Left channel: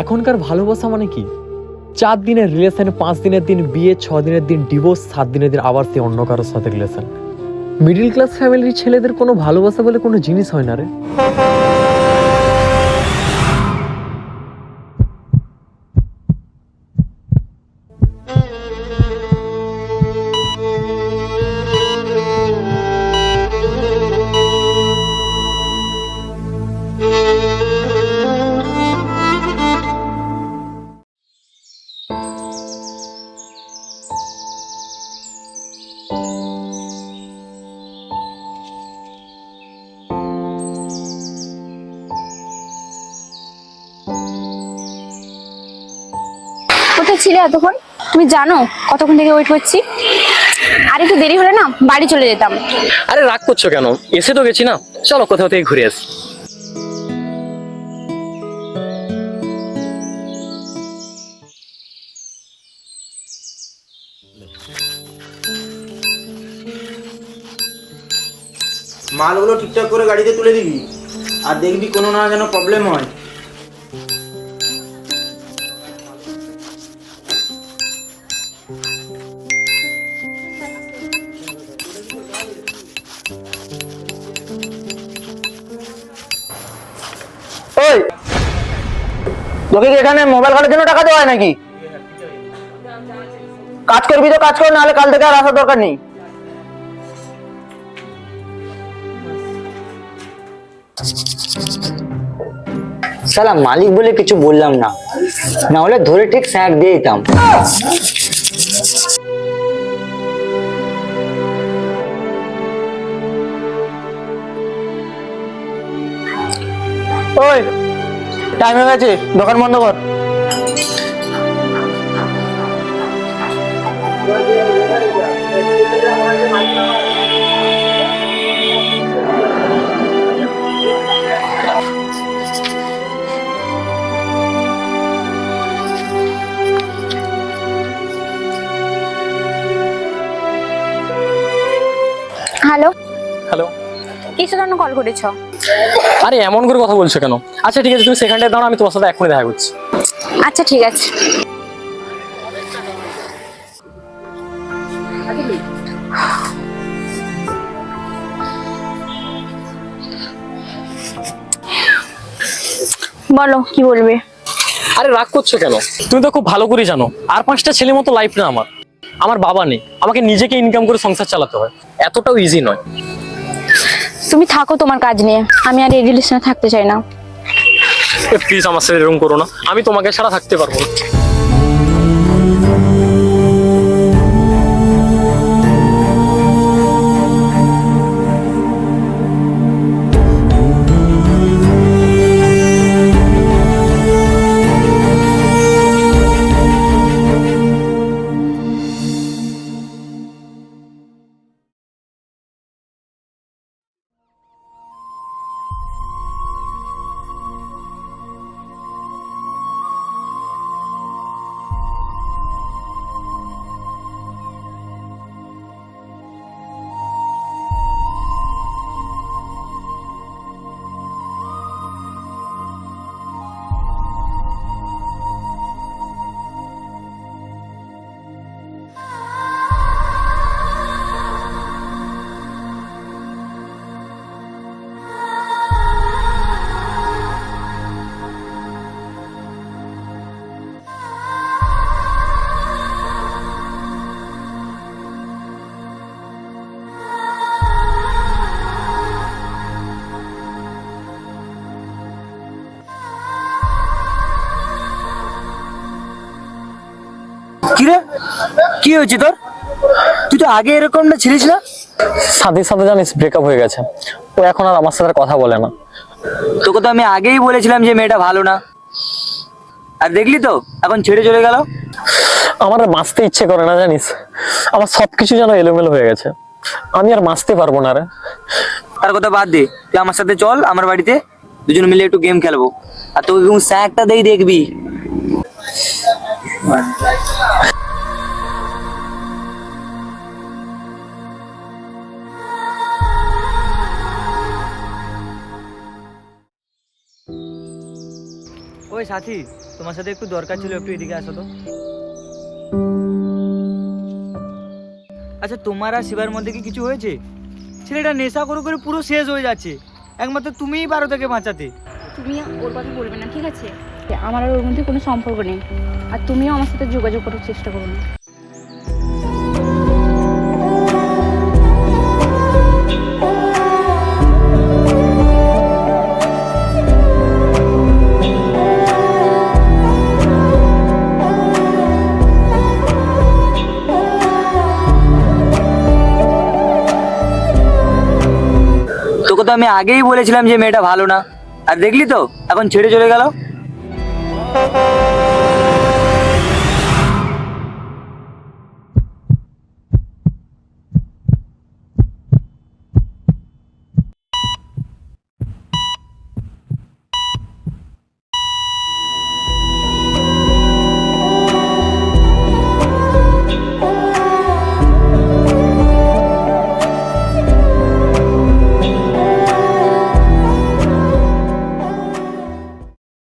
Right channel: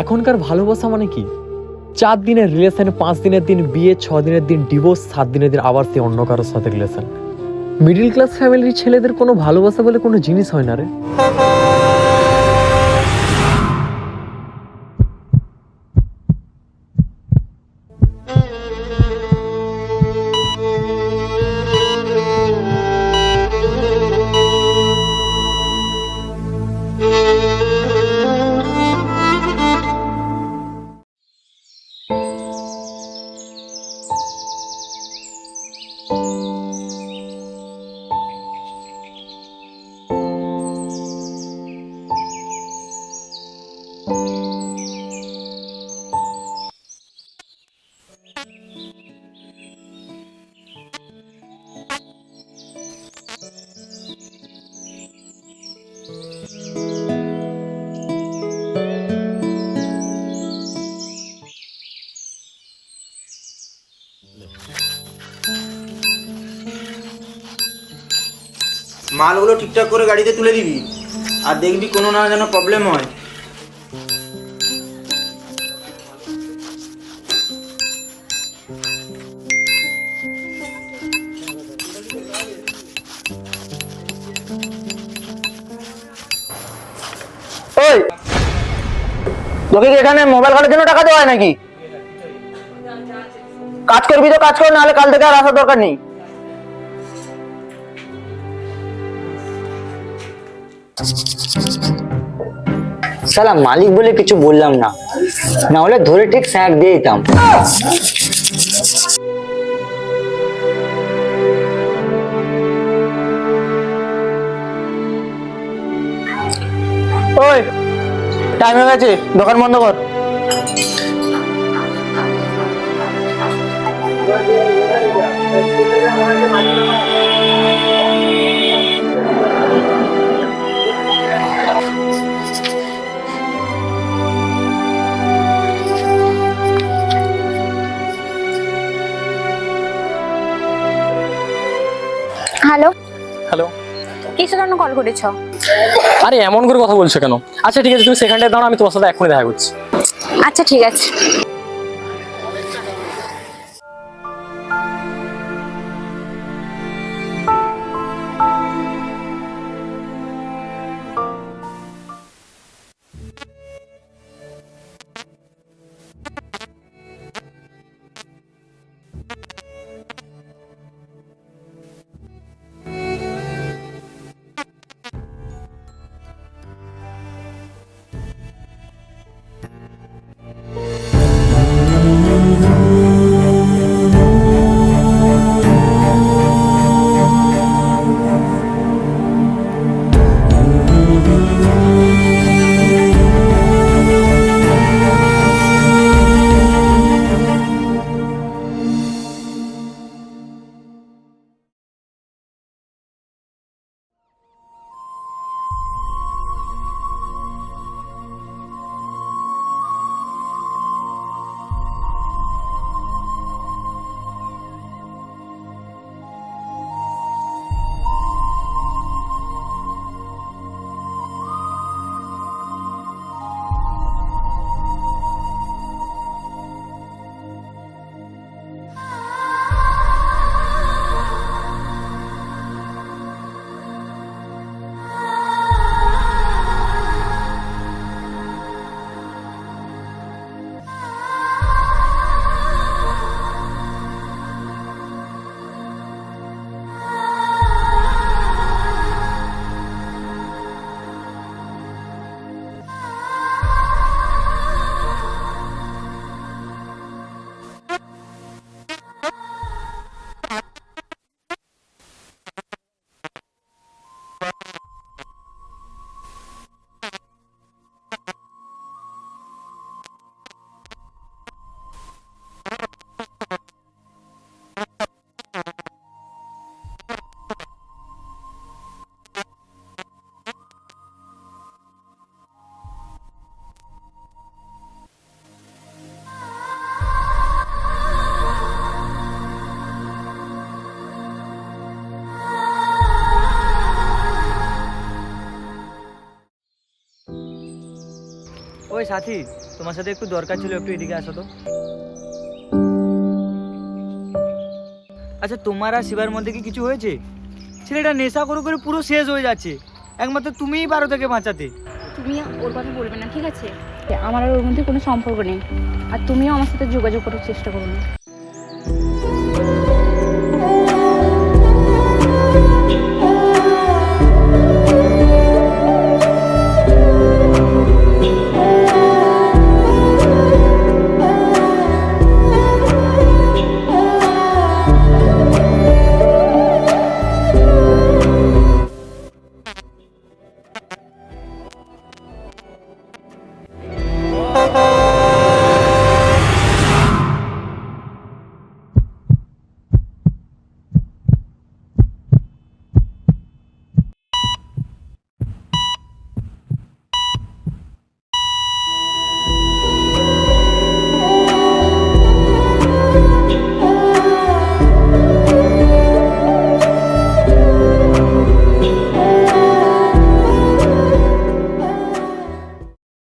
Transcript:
এখনকার ভালোবাসা মানে কি? চার দিনের রিলেশন পাঁচ দিনের দিন বিয়ে, ছ দিনের দিন ডিভোর্স সাত দিনের দিন আবার সে অন্য কারোর সাথে রিলেশন মিডিল ক্লাস ফ্যামিলির ছেলেদের কোনো ভালোবাসা বলে কোনো জিনিস হয় না রে। কোথায় ছিলে এতক্ষণ? তুমি জানো কতক্ষণ থেকে ওয়েট করছি? আর একটু দেরি হলে না বাড়ি চলে যেতাম। আরে রাগ করছ কেন? এসে তো গেছি না। চলো কোথাও থেকে ঘুরে আসি। মালগুলো ঠিকঠাক করে গাড়িতে তুলে দিবি। আর দেখবি কোনো না যেন প্রবলেম হয়। ওই, তোকে কি এখানে মোবাইল ঘাটার জন্য টাকা দেওয়া হয় নাকি? কাজ করবি তো কাজ কর, নাহলে কাল থেকে আর আসার দরকার নেই। সালা মালিক বলে কিছু বললাম না। না হলে ধরে ঠিক স্যাক দিয়ে দিতাম। ওই টাইম হয়ে গেছে দোকান বন্ধ কর। হ্যালো হ্যালো কিসের জন্য কল করেছ? আরে এমন করে কথা বলছো কেন? আচ্ছা ঠিক আছে তুমি সেখানটায় দাঁড়াও আমি তোমার সাথে এখনই দেখা করছি। আচ্ছা ঠিক আছে। বলো কি বলবে? আরে রাগ করছ কেন? তুমি তো খুব ভালো করে জানো আর পাঁচটা ছেলে মতো লাইফ না আমার। আমার বাবা নেই আমাকে নিজেকে ইনকাম করে সংসার চালাতে হয়। এতটাও ইজি নয়। তুমি থাকো তোমার কাজ নিয়ে। আমি আর এই রিলেশনে থাকতে চাই না। প্লিজ আমার সাথে এরকম করো না। আমি তোমাকে ছাড়া থাকতে পারব না। কি রে? কি হয়েছে তোর? তুই তো আগে এরকম না ছিলিস না? সাথে সাথে জানিস ব্রেকআপ হয়ে গেছে। ও এখন আর আমার সাথে আর কথা বলে না। তোকে তো আমি আগেই বলেছিলাম যে মেয়েটা ভালো না। আর দেখলি তো এখন ছেড়ে চলে গেল? আমার আর বাঁচতে ইচ্ছে করে না জানিস? আমার সবকিছু যেন এলোমেলো হয়ে গেছে। আমি আর বাঁচতে পারব না রে। তার কথা বাদ দে তুই আমার সাথে চল আমার বাড়িতে দুজন মিলে একটু গেম খেলব। আর তোকে কেউ স্যাকটা দেই দেখবি? ওই সাথী, তোমার সাথে একটু দরকার ছিল, একটু এদিকে আসো তো। আচ্ছা তোমার আর শিবার মধ্যে কি কিছু হয়েছে? ছেলেটা নেশা করে করে পুরো শেষ হয়ে যাচ্ছে। একমাত্র তুমিই পারো তাকে বাঁচাতে। তুমি ওর কথা বলবে না, ঠিক আছে? আমার আর ওর মধ্যে কোনো সম্পর্ক নেই। আর তুমিও আমার সাথে যোগাযোগ করার চেষ্টা করো না। তো আমি আগেই বলেছিলাম যে মেয়েটা ভালো না। আর দেখলি তো, এখন ছেড়ে চলে গেল।